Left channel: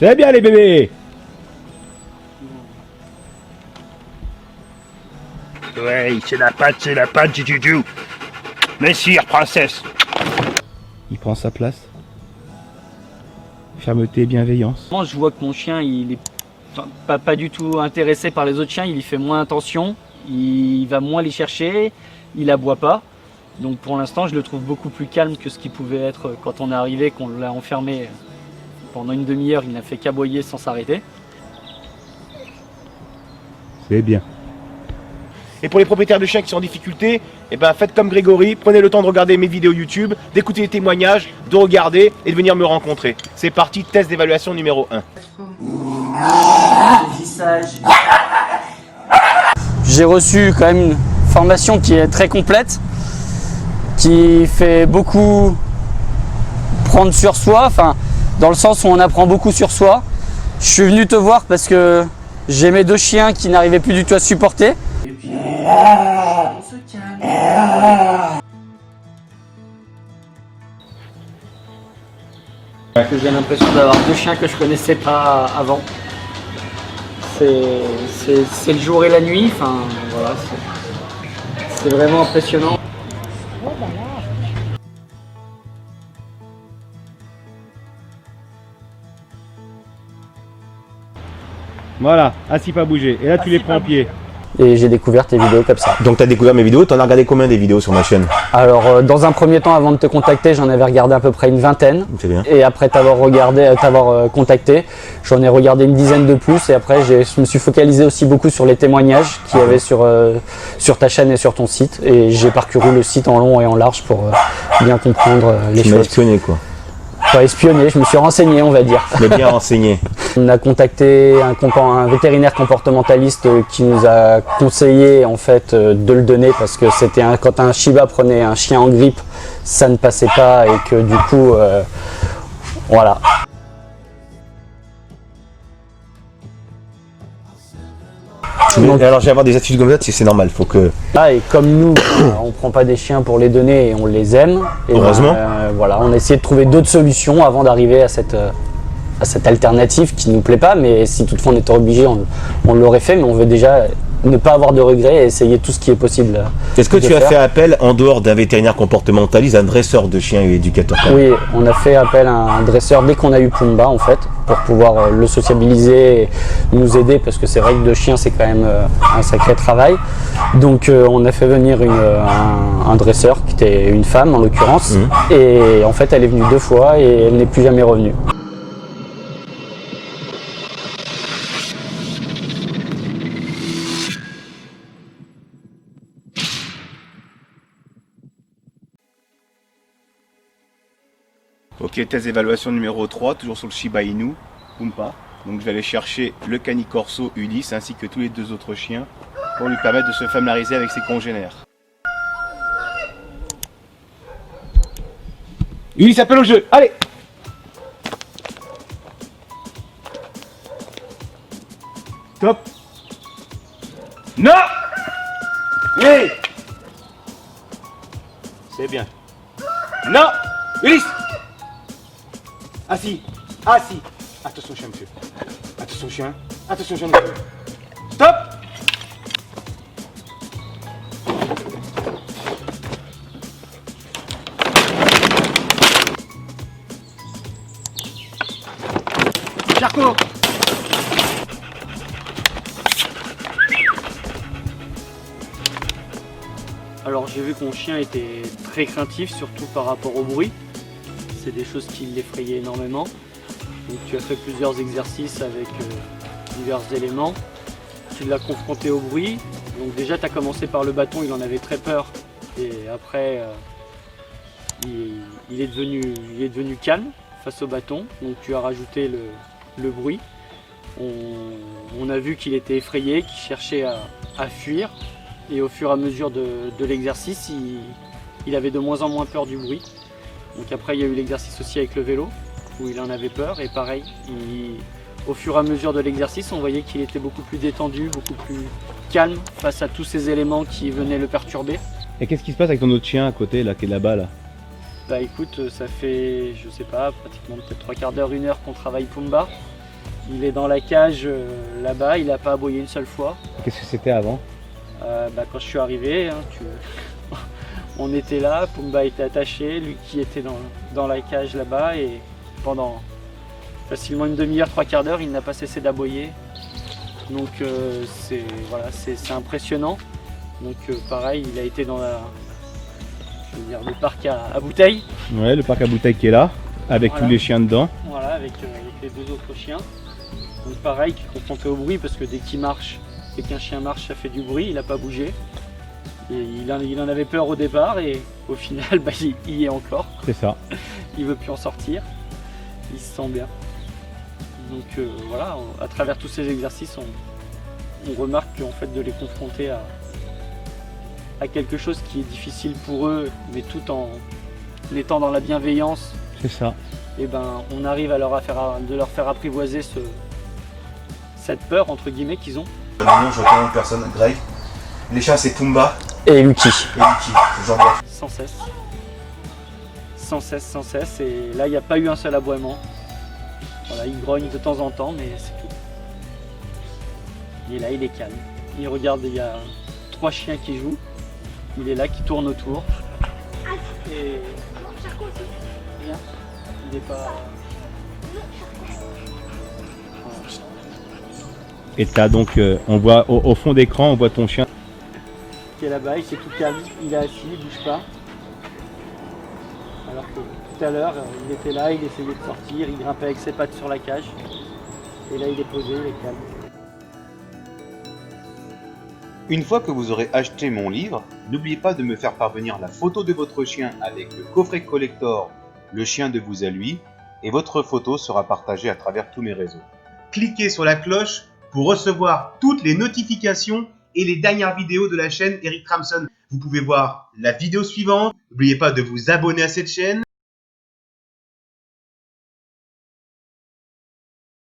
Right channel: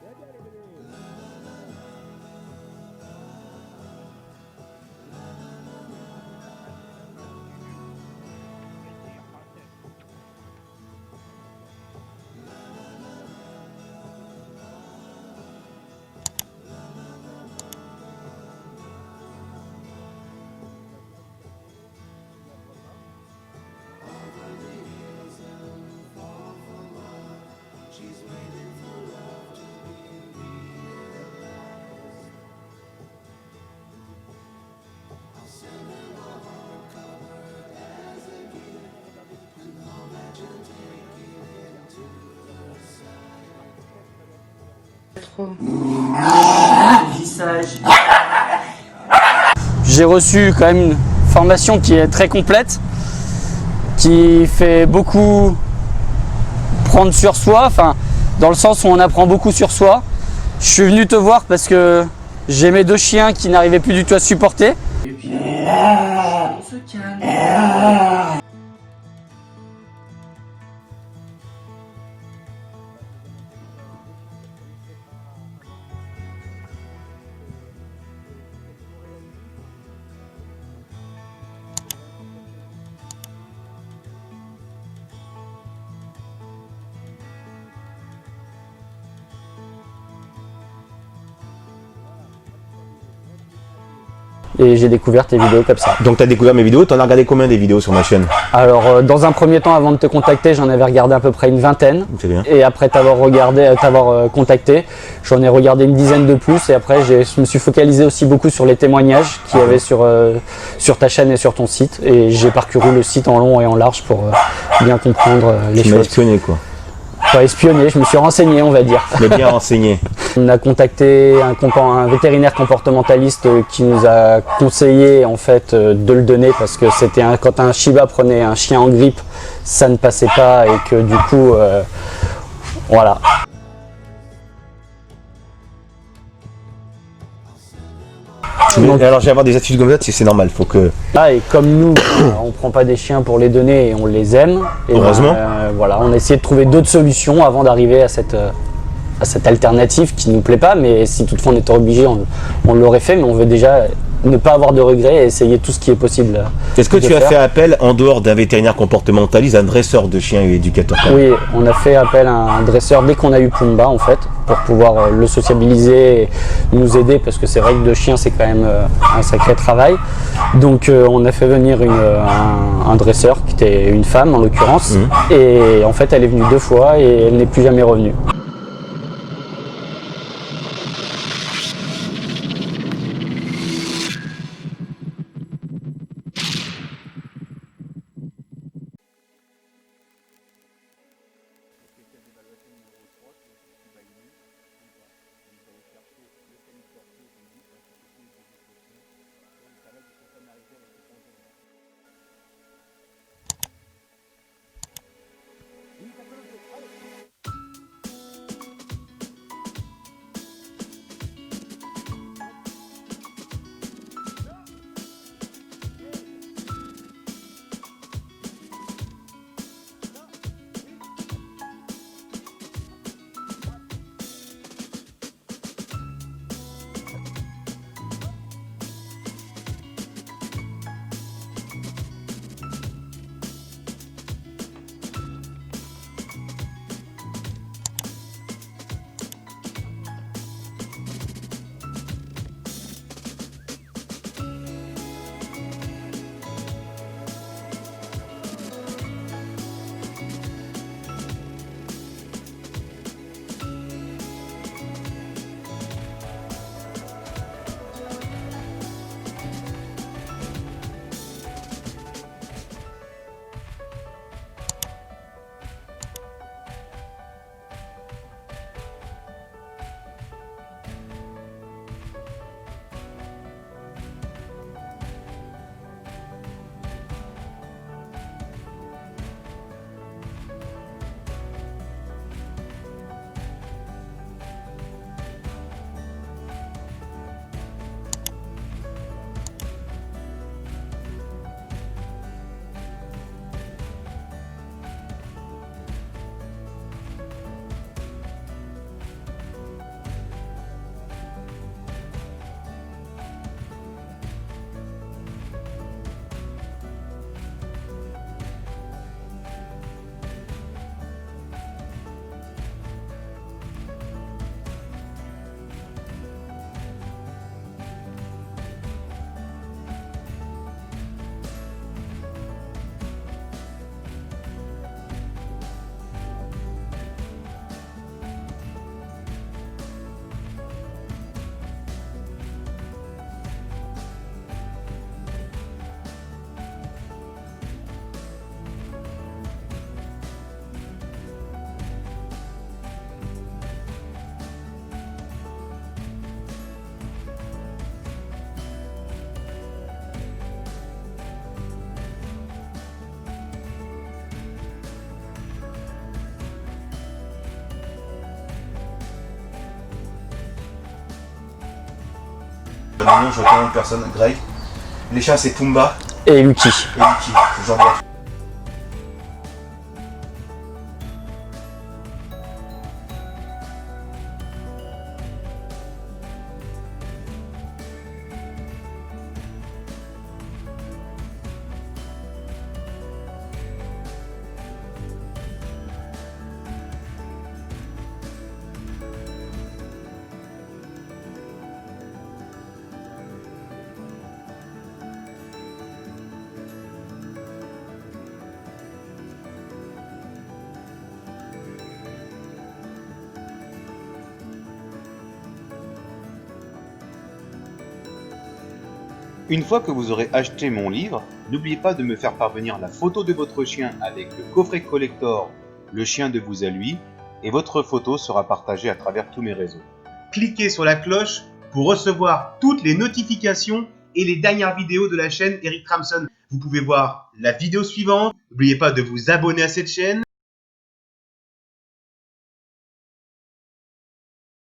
C'est bien les bébés. Oui, c'est la patte du Juju. Messire, princesse. Il prend sa place. Fermeté et bienveillance. Moi, je vois que mon chien, il est pas du tout intéressé par les autres chiens, il y fait moins attention, il va moins les chercher, il aboie pas. Donc pour l'instant, je le trouve beaucoup plus calme que ce qu'il pouvait être quand on est arrivé, qu'on l'a enfermé pendant une demi-heure, il n'a fait qu'aboyer sans s'arrêter. C'est bien. Et pour les propriétaires de chiens qui sont en difficulté, eh ben faites comme Grégory, prenez le temps de regarder mes vidéos YouTube, d'écouter les témoignages, de regarder et de venir me rencontrer. C'est parti, test d'évaluation numéro 1. J'ai reçu quand même une formation qui est très complète, qui fait beaucoup prendre sur soi, enfin dans le sens où on apprend beaucoup sur soi. Je suis venu te voir parce que j'ai mes deux chiens qui n'arrivaient plus du tout à supporter. Et puis, on se calme. J'ai l'impression d'avoir deux chiens que je connaissais pas avant. C'est le jour et la nuit, enfin voilà, c'est vraiment impressionnant. Voilà, assis pas bouger. Et là tu les prends en pied. Et j'ai découvert tes vidéos comme ça. Donc tu as découvert mes vidéos, tu en as regardé combien des vidéos sur ma chaîne? Alors dans un premier temps, avant de te contacter, j'en avais regardé à peu près une vingtaine. C'est bien. Et après t'avoir contacté, j'en ai regardé une dizaine de plus. Et après je me suis focalisé aussi beaucoup sur les témoignages qu'il y avait sur ta chaîne et sur ton site. Et j'ai parcouru le site en long et en large pour bien comprendre les Tu m'as choses. espionné quoi. Pas espionné, je me suis renseigné, on va dire. Tu m'as bien renseigné. On a contacté un vétérinaire comportementaliste qui nous a conseillé en fait de le donner parce que c'était quand un Shiba prenait un chien en grippe, ça ne passait pas et que du coup, voilà. Donc, alors je vais avoir des attitudes comme ça, c'est normal, faut que... Ah, et comme nous, on prend pas des chiens pour les donner et on les aime. Et heureusement. Voilà, on a essayé de trouver d'autres solutions avant d'arriver à cette alternative qui nous plaît pas, mais si toutefois on était obligé, on l'aurait fait, mais on veut déjà ne pas avoir de regrets et essayer tout ce qui est possible. Est-ce que tu as fait appel, en dehors d'un vétérinaire comportementaliste, à un dresseur de chiens et éducateur? Oui, on a fait appel à un dresseur dès qu'on a eu Pumba en fait, pour pouvoir le sociabiliser et nous aider, parce que c'est vrai que deux chiens c'est quand même un sacré travail. Donc on a fait venir un dresseur qui était une femme en l'occurrence, et en fait elle est venue 2 fois et elle n'est plus jamais revenue. Ok, test d'évaluation numéro 3, toujours sur le Shiba Inu, Pumba. Donc je vais aller chercher le Canicorso Ulysse ainsi que tous les 2 autres chiens pour lui permettre de se familiariser avec ses congénères. Ulysse, appelle au jeu, allez! Top! Non! Hey! C'est bien. Non! Ulysse! Assis, assis. Attention chien, monsieur. Attention chien. Attention chien, monsieur. Stop! Charcot! Alors j'ai vu que mon chien était très craintif, surtout par rapport au bruit. C'est des choses qui l'effrayaient énormément. Donc, tu as fait plusieurs exercices avec divers éléments. Tu l'as confronté au bruit. Donc déjà tu as commencé par le bâton, il en avait très peur. Et après il est devenu calme face au bâton. Donc tu as rajouté le bruit. On a vu qu'il était effrayé, qu'il cherchait à fuir. Et au fur et à mesure de l'exercice, il avait de moins en moins peur du bruit. Donc après il y a eu l'exercice aussi avec le vélo, où il en avait peur, et pareil, au fur et à mesure de l'exercice, on voyait qu'il était beaucoup plus détendu, beaucoup plus calme face à tous ces éléments qui venaient le perturber. Et qu'est-ce qui se passe avec ton autre chien à côté là, qui est là-bas là? Bah écoute, ça fait, je sais pas, pratiquement peut-être 3/4 d'heure, 1 heure qu'on travaille Pumba. Il est dans la cage là-bas, il n'a pas aboyé une seule fois. Qu'est-ce que c'était avant? Quand je suis arrivé, hein, on était là, Pumba était attaché, lui qui était dans la cage là-bas, et pendant facilement une demi-heure, 3/4 d'heure, il n'a pas cessé d'aboyer. Donc c'est impressionnant. Donc pareil, il a été dans le parc à bouteilles. Ouais, le parc à bouteilles qui est là, avec Voilà. tous les chiens dedans. Voilà, avec les 2 autres chiens. Donc pareil, tu te confrontais au bruit parce que dès qu'il marche, dès qu'un chien marche, ça fait du bruit, il n'a pas bougé. Et il en avait peur au départ et au final, il y est encore. C'est ça. Il veut plus en sortir. Il se sent bien. Donc voilà, à travers tous ces exercices, on remarque qu'en fait de les confronter à quelque chose qui est difficile pour eux, mais tout en étant dans la bienveillance, C'est ça. et on arrive à leur faire apprivoiser cette peur entre guillemets qu'ils ont. Maintenant, je reconnais une personne, Greg. Les chiens, c'est Pumba Et Lucky. et Lucky. C'est genre de- Sans cesse. Sans cesse, sans cesse. Et là, il n'y a pas eu un seul aboiement. Voilà, il grogne de temps en temps, mais c'est tout. Et là, il est calme. Il regarde, il y a 3 chiens qui jouent. Il est là, qui tourne autour. Et il n'est pas... Et t'as donc, on voit au fond d'écran, on voit ton chien. Qui est là-bas, il s'est tout calme. Il est assis, il ne bouge pas. Alors que tout à l'heure, il était là, il essayait de sortir, il grimpait avec ses pattes sur la cage. Et là, il est posé, il est calme. Une fois que vous aurez acheté mon livre, n'oubliez pas de me faire parvenir la photo de votre chien avec le coffret collector Le chien de vous à lui, et votre photo sera partagée à travers tous mes réseaux. Cliquez sur la cloche pour recevoir toutes les notifications et les dernières vidéos de la chaîne Eric Tramson. Vous pouvez voir la vidéo suivante. N'oubliez pas de vous abonner à cette chaîne.